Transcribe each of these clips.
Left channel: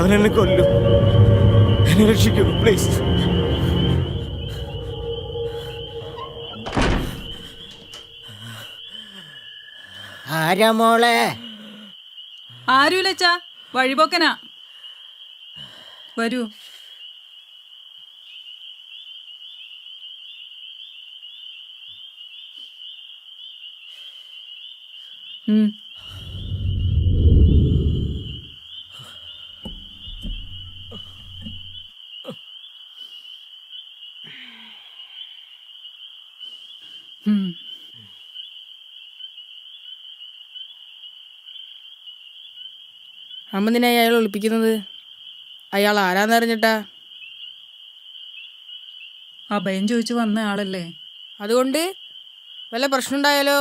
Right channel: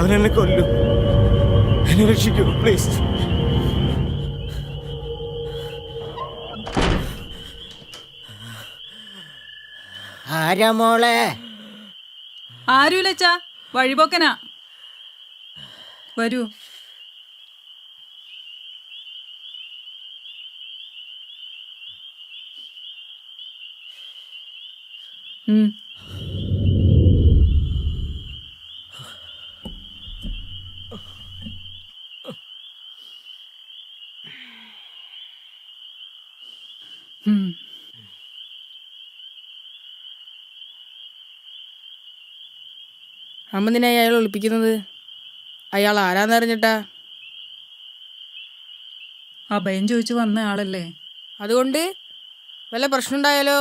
അവനെന്നെ കൊല്ലു. എന്നെ രക്ഷിക്കൂ പ്ലീസ്. ആരാ മോളെ? ആരുമില്ലച്ചാ, വഴിപോക്കനാ. വരൂ. അമ്മ നിന്നെ അയാൾ ഒളിപ്പിക്കുന്നത്? അയാൾ ആരാന്നറിഞ്ഞിട്ടാ? അഭയം ചോദിച്ചു വന്ന ആളല്ലേ. അതുകൊണ്ട് വല്ല പ്രശ്നം ഉണ്ടായാലോ?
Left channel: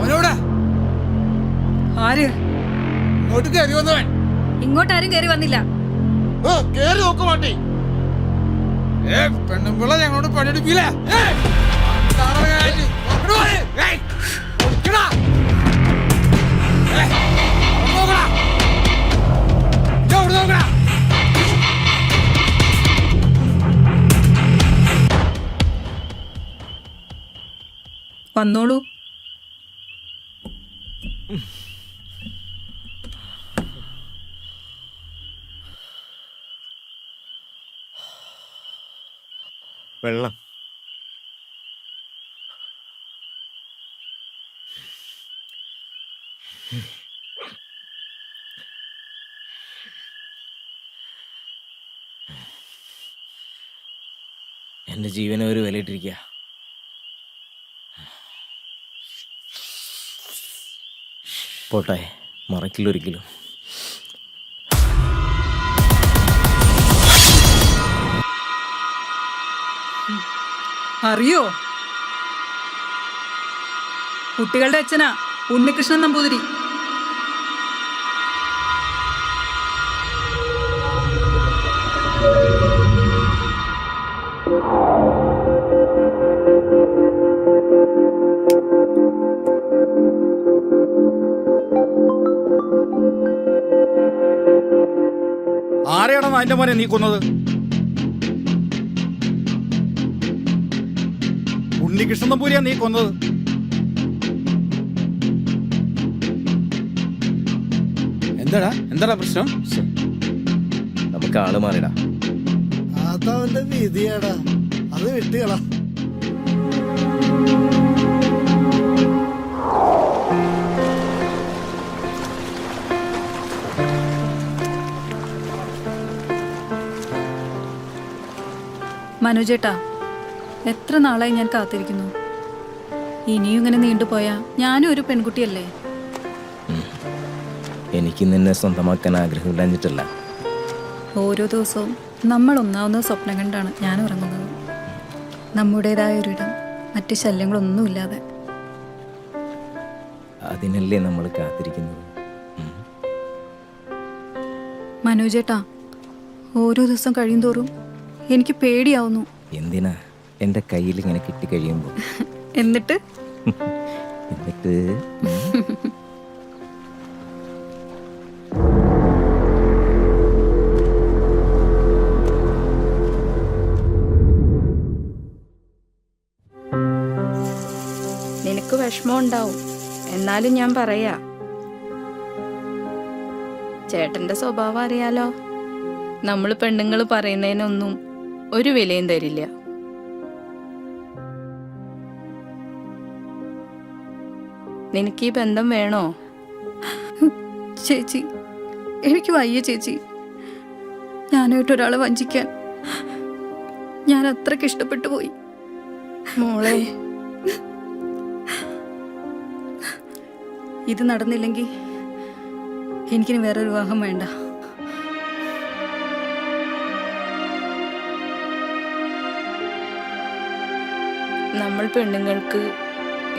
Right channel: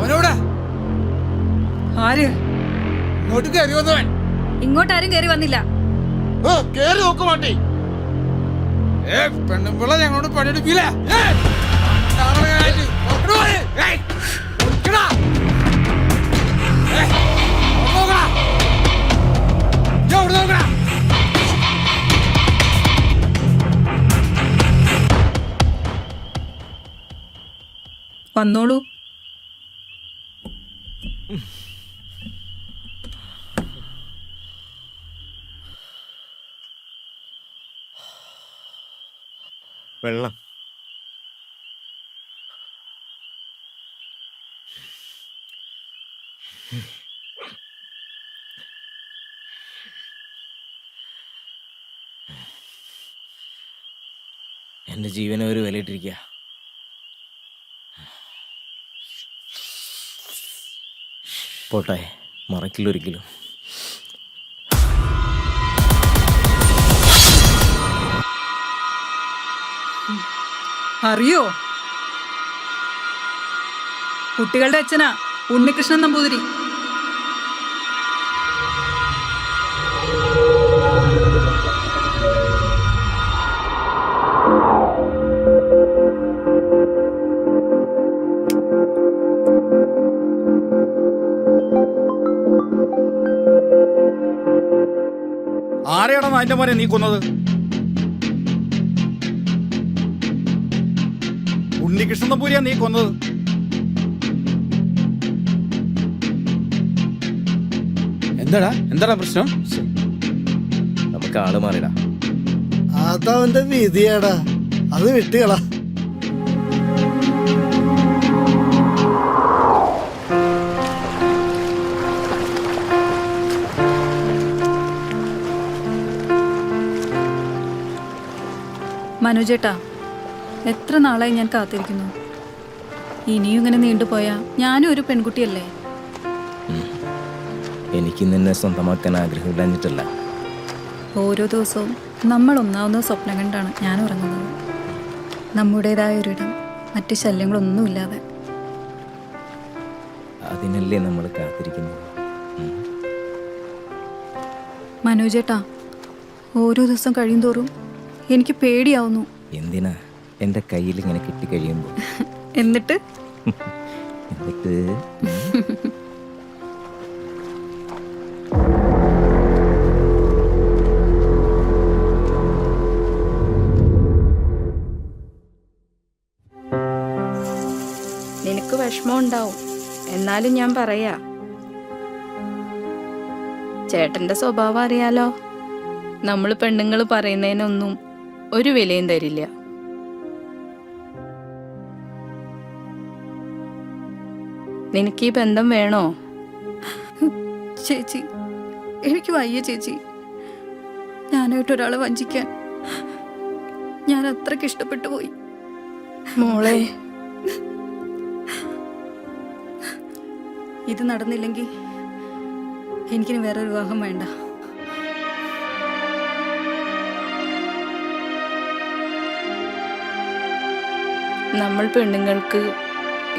അവനോട് ആര്? ഇങ്ങോട്ട് കയറി വന്നവൻ. ഇങ്ങോട്ടാരും കയറി വന്നില്ല. കേറി നോക്ക് മാട്ടി. പെണ്ണുമ്പിള്ള ഞങ്ങളോട് പണിയെടുപ്പില്ല. വന്നോളൂ. വെള്ളം. എൻ്റെ ജീവനെ ഒരു വിലയിട്ടിരിക്കുക. പോട്ടെ, മറക്കില്ലൊരിക്കലും. അറിയോ? കുട്ടികളുടെ അച്ഛനാ ഉണ്ണികൃഷ്ണൻ നമ്പൂതിരി. ആരെയാണോ അതിന്റെ മോനെ നീ കൊന്നത്? ഉണ്ണികൃഷ്ണൻ നമ്പൂരിയാ നീ കൊന്നത്. എന്താടാ പ്രശ്നം? നമുക്ക് ആള് മാറിടാ. അതവന്റെ വിധിയാടാ, അത് വിട്ടുകളാ. മനോജേട്ടാ, എത്ര നാളായി ഞാൻ കാത്തിരിക്കുന്നു. ഇനിയും ഇങ്ങനെ നീണ്ടുപോയാ ഞാനും ഒരു പെൺകുട്ടിയല്ലേ. എനിക്ക് നിന്നെ സ്വന്തമാക്കാൻ ആഗ്രഹമില്ലാഞ്ഞിട്ടല്ല. ഓരോ ദിവസവും നമ്മൾ ഒന്നാവുന്ന സ്വപ്നം കണ്ടാണ് ഞാൻ ഉറങ്ങുന്നത്. നമ്മുടേതായ ഒരിടം, മറ്റ് ശല്യങ്ങളൊന്നുമില്ലാതെ. അതിനല്ലേ നമ്മൾ കാത്തിരിക്കുന്നത്. മനോജേട്ടാ, ഓരോ ദിവസം കഴിയും തോറും എനിക്ക് പേടിയാവുന്നു. എന്തിനാ എൻ്റെ കയ്യിൽ ഇങ്ങനെ കിട്ടിക്കഴിയുമ്പോൾ? എന്നിട്ട് നിനക്ക് വിഷമം ഉണ്ടാവും, എന്നാലും ഞാൻ പറയാ, ചേട്ടന്റെ സ്വഭാവം അറിയാലോ. നമ്മൾ പെണ്ണുങ്ങൾ പറയുന്നതിനൊന്നും ഒരു വിലയും തരില്ല. നിനക്ക് ഈ ബന്ധം വേണോ? ചേച്ചി, എനിക്ക് വയ്യ ചേച്ചി. ഞാനായിട്ട് ഒരാളെ വഞ്ചിക്കാൻ ഞാൻ അത്രയ്ക്ക് ഇഷ്ടപ്പെട്ടു പോയി. മോളെ, ഇത് നടന്നില്ലെങ്കിൽ എനിക്കിനി വേറൊരു വിവാഹം വേണ്ട. നമ്മൾ പെണ്ണുങ്ങൾക്ക്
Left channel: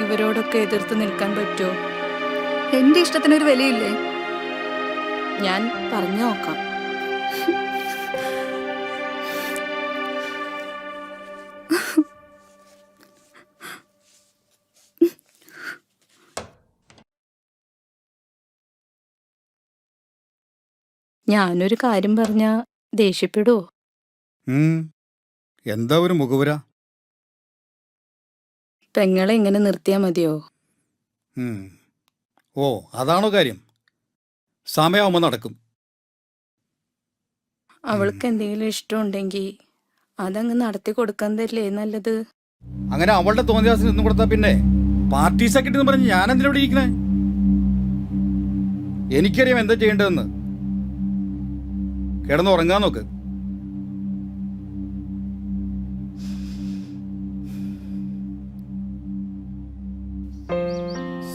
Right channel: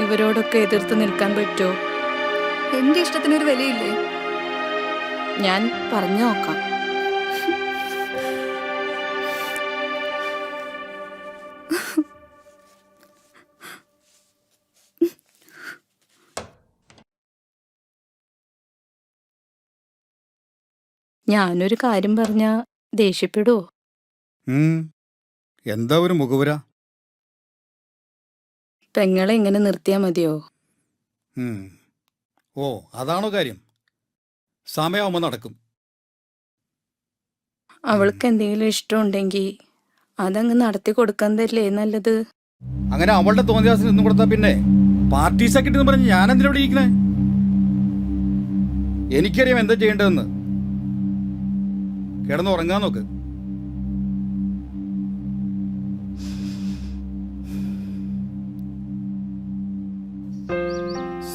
ഇവരോടൊക്കെ എതിർത്ത് നിൽക്കാൻ പറ്റുമോ? എൻ്റെ ഇഷ്ടത്തിനൊരു വിലയില്ലേ? ഞാൻ പറഞ്ഞു നോക്കാം. ഞാനൊരു കാര്യം പറഞ്ഞ ദേഷ്യപ്പെടുവോ? എന്താ ഒരു മുഖവുര? പെങ്ങളെ ഇങ്ങനെ നിർത്തിയാ മതിയോ? ഓ, അതാണോ കാര്യം? സമയമാകുമ്പോൾ നടക്കും. അവൾക്ക് എന്തെങ്കിലും ഇഷ്ടമുണ്ടെങ്കിൽ അതങ്ങ് നടത്തി കൊടുക്കുന്നതല്ലേ നല്ലത്. അങ്ങനെ അവളുടെ തോന്നിയാസിന് നിന്നും കൊടുത്താ പിന്നെ പാർട്ടി സെക്രട്ടറി എന്ന് പറഞ്ഞ് ഞാൻ എന്തിനാ ഇവിടെ ഇരിക്കണേ? എനിക്കറിയാം എന്താ ചെയ്യേണ്ടതെന്ന്. കിടന്ന് ഉറങ്ങാൻ നോക്ക്.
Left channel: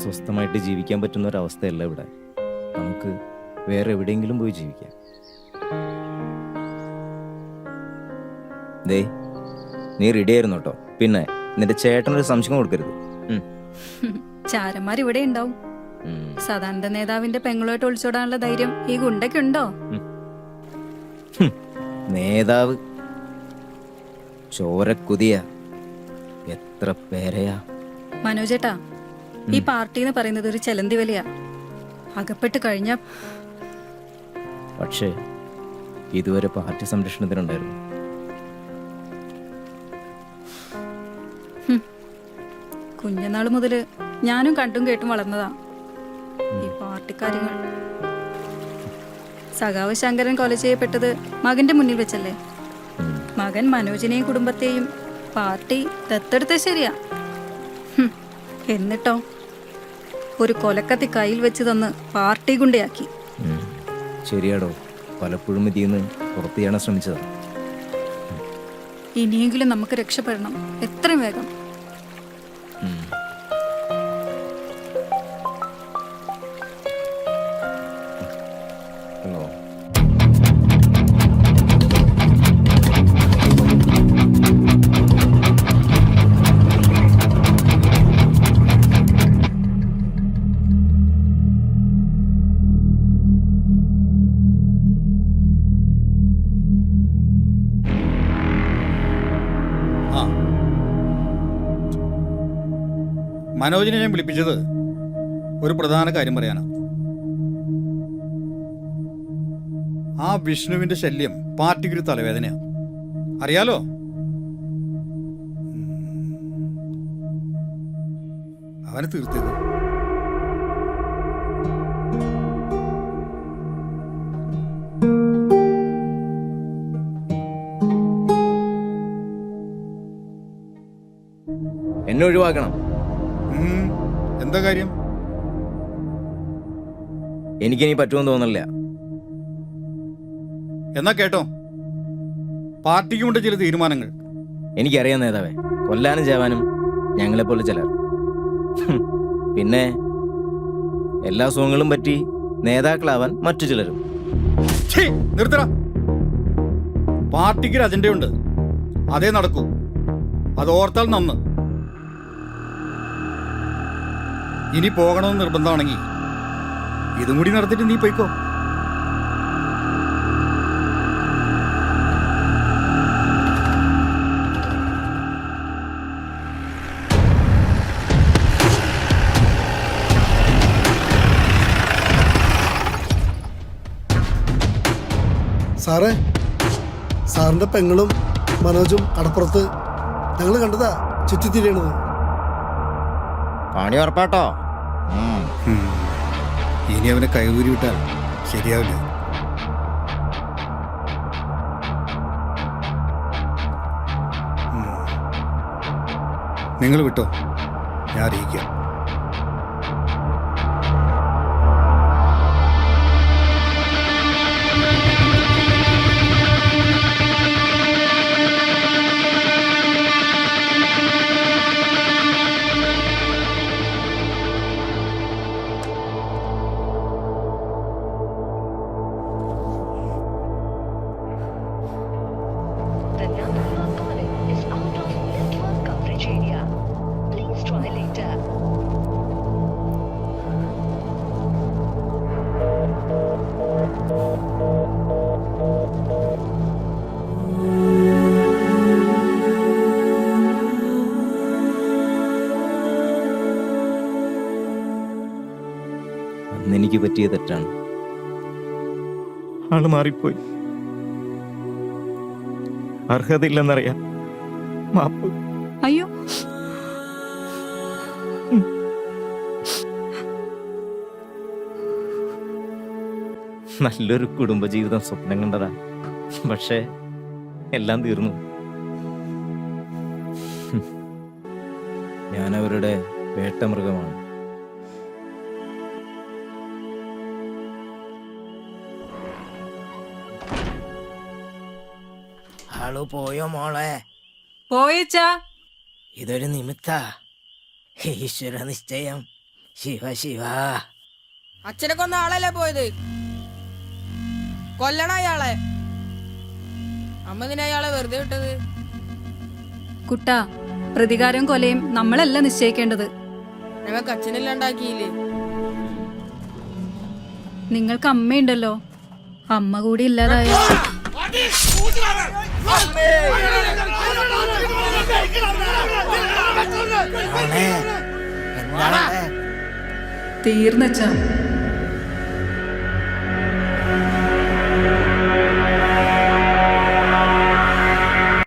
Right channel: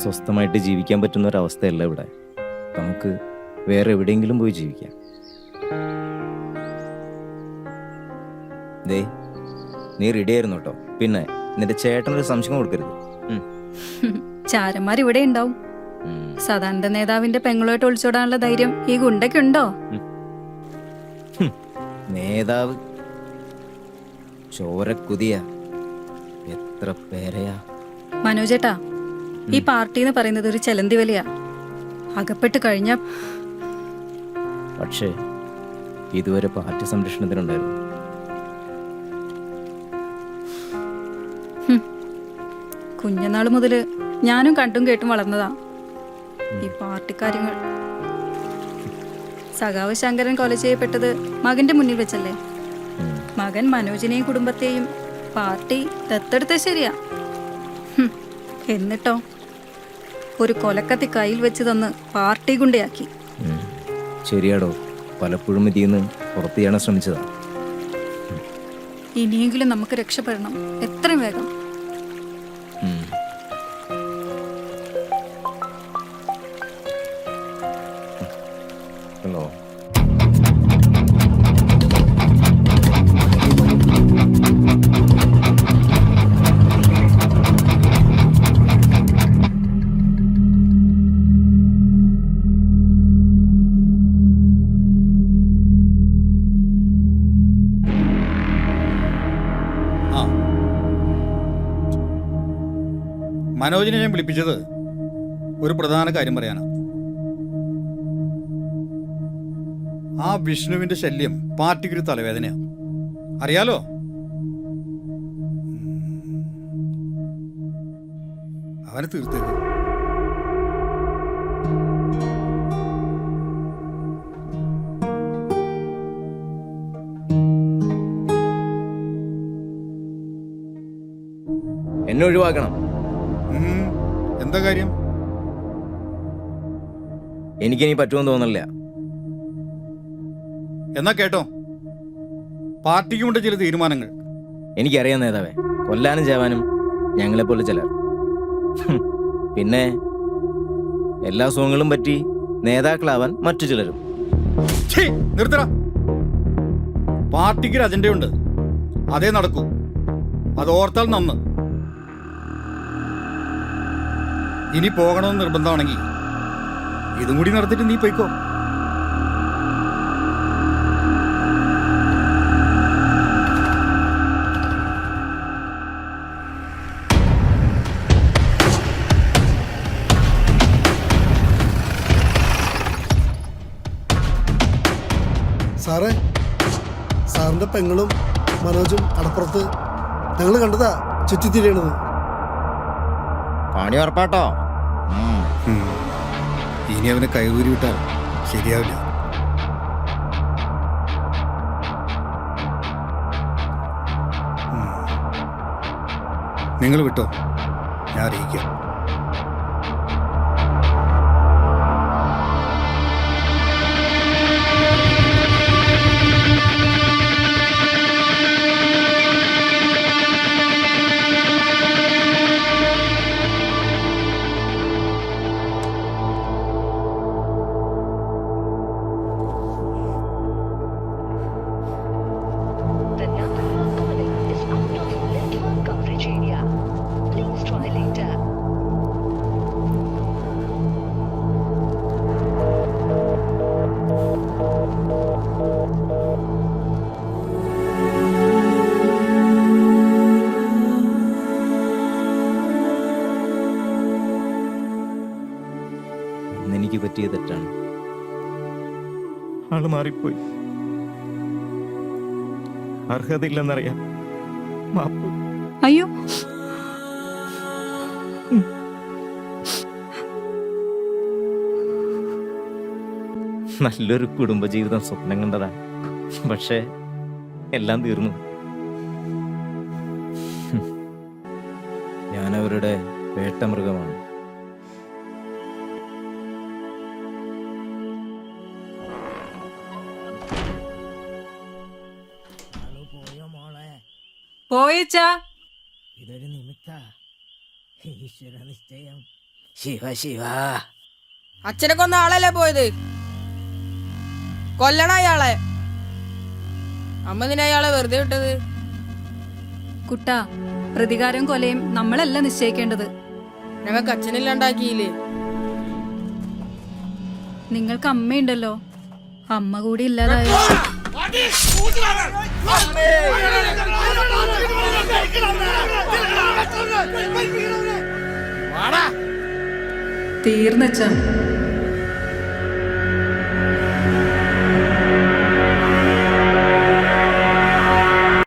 സ്വസ്ഥമായിട്ട് ജീവിക്കാൻ പറ്റുന്ന ഒരവസ്ഥയല്ല ഇവിടെ. നമുക്ക് വേറെ എവിടെയെങ്കിലും പോയി ജീവിക്കാം. ദേ, നീ റെഡി ആയിരുന്നു കേട്ടോ. പിന്നെ നിന്റെ ചേട്ടനൊരു സംശയം കൊടുക്കരുത്. ചാരന്മാർ ഇവിടെ ഉണ്ടാവും. സദാനന്ദ നേതാവിന്റെ പെങ്ങളുമായിട്ട് ഒളിച്ചോടാനുള്ള ധൈര്യം ഈ ഗുണ്ടയ്ക്കുണ്ടോ? നേതാവ് ചോരക്കുതിയ എത്ര പേരെയാ. മനോജേട്ടാ, ഈ പാർട്ടി എന്ന് പറയുന്നത് ഒരു ചെലന്തി വലിയ അകപ്പെട്ട് കഴിഞ്ഞ. പക്ഷേ ഇതുവരെ പാർട്ടി സംരക്ഷണത്തിനുണ്ടായിരുന്നു. കുഞ്ഞനാള് മുതല് ഞാനും കണ്ടും കേട്ടും വളർന്നതാ ഈ പാർട്ടി കാര്യങ്ങൾ. സഖാവ് ശങ്കരൻ കൊല ചെയ്യപ്പെട്ടത് മകന്റെ മുന്നിൽ വെച്ചല്ലേ? മകൻ മനോജിനെയും കുടുംബത്തെയും പാർട്ടി ദത്തെടുത്ത ശരിയാ. എന്നിട്ടോ ഒരു കൊലക്കത്തി കയ്യിൽ വെച്ച് തന്ന് പാർട്ടി ഗുണ്ടയാക്കി. ശരിയാടോ, പലപ്പോഴും ഇതിന്ന് പുറത്തു ചെയ്യാൻ ശ്രമിച്ചതാ. ഇനിയെങ്കിലും നമുക്ക് രക്ഷപ്പെടണം, എത്രയും വേഗം. ഹലോ, മനോജിനെ ഞാൻ വിളിപ്പിച്ചത് ഒരു പ്രധാന കാര്യം പറയാനാ. ആ വിഷ്ണുവിന്റെ ശല്യം പാർട്ടിക്കൊരു തലവേദനയാ, അറിയാലോ? അവനെ തീർത്തേക്ക്. എന്നെ ഒഴിവാക്കണം. എന്താ കാര്യം? എനിക്കിനി പറ്റുമെന്ന് തോന്നില്ല. എന്നാ കേട്ടോ, പാർട്ടിക്കുമുണ്ട് ചില തീരുമാനങ്ങൾ. എനിക്കറിയാം നേതാവേ, കൊല്ലാനും ചേവാനും ഞങ്ങളെപ്പോലെ ചിലർ. പിന്നെ എല്ലാ സുഖങ്ങളും പറ്റി നേതാക്കളാവാൻ മറ്റു ചിലരും. നിർത്തട. പാർട്ടിക്കൊരു അജണ്ടയുണ്ട്, അതേ നടക്കൂ. അത് ഓർത്താൽ നന്ന്. ഇനി പോകണമെന്ന് നിർബന്ധമാണെങ്കിൽ ഇതും കൂടി നടത്തിട്ട് നീ പോയിക്കോ. സാറേ, സാറിന്റെ പെങ്ങളും മനോജും അടപ്പുറത്ത് ഞങ്ങൾ കണ്ടതാ ചുറ്റിത്തിരിയണത്. പണി ഉറപ്പാട്ടോ. ഇനി അവനെ കൈകൂരി വിട്ടാൽ ശരിയാവില്ല. നിങ്ങൾ വിട്ടോ, ഞാൻ അറിയിക്കാം. എനിക്ക് പറ്റിയ തെറ്റാണ്. ആള് മാറിപ്പോയി. അർഹതയില്ലെന്നറിയാം. മാപ്പ്. അയ്യോ, നല്ലൊരു കുടുംബജീവിതം സ്വപ്നം കണ്ടതാ. പക്ഷേ എല്ലാം തീർന്നു. ഞാനവരുടെ വേട്ടമൃഗമാണ്. ആളു പോയോ മോളെ? പോയിച്ചാ. ഇതൊരു നിമിത്ത. ഈശ്വര നിശ്ചയം. ശിവ ശിവ. അച്ഛനെ കൊന്ന ആളല്ലേ പോയത്? കൊല്ലണ അയാളെ. അമ്മ നിന്നെ അയാളെ വെറുതെ വിട്ടത്? കുട്ടാ, പ്രതികാരം കൊലയും നമ്മളല്ല നിശ്ചയിക്കേണ്ടത്. ഞങ്ങൾക്ക് അച്ഛനില്ലാണ്ടാക്കിയില്ലേ? നിങ്ങൾക്ക് അമ്മയുണ്ടല്ലോ. അമ്മ കൂടി ഇല്ലാതായ തീർന്നച്ചാ.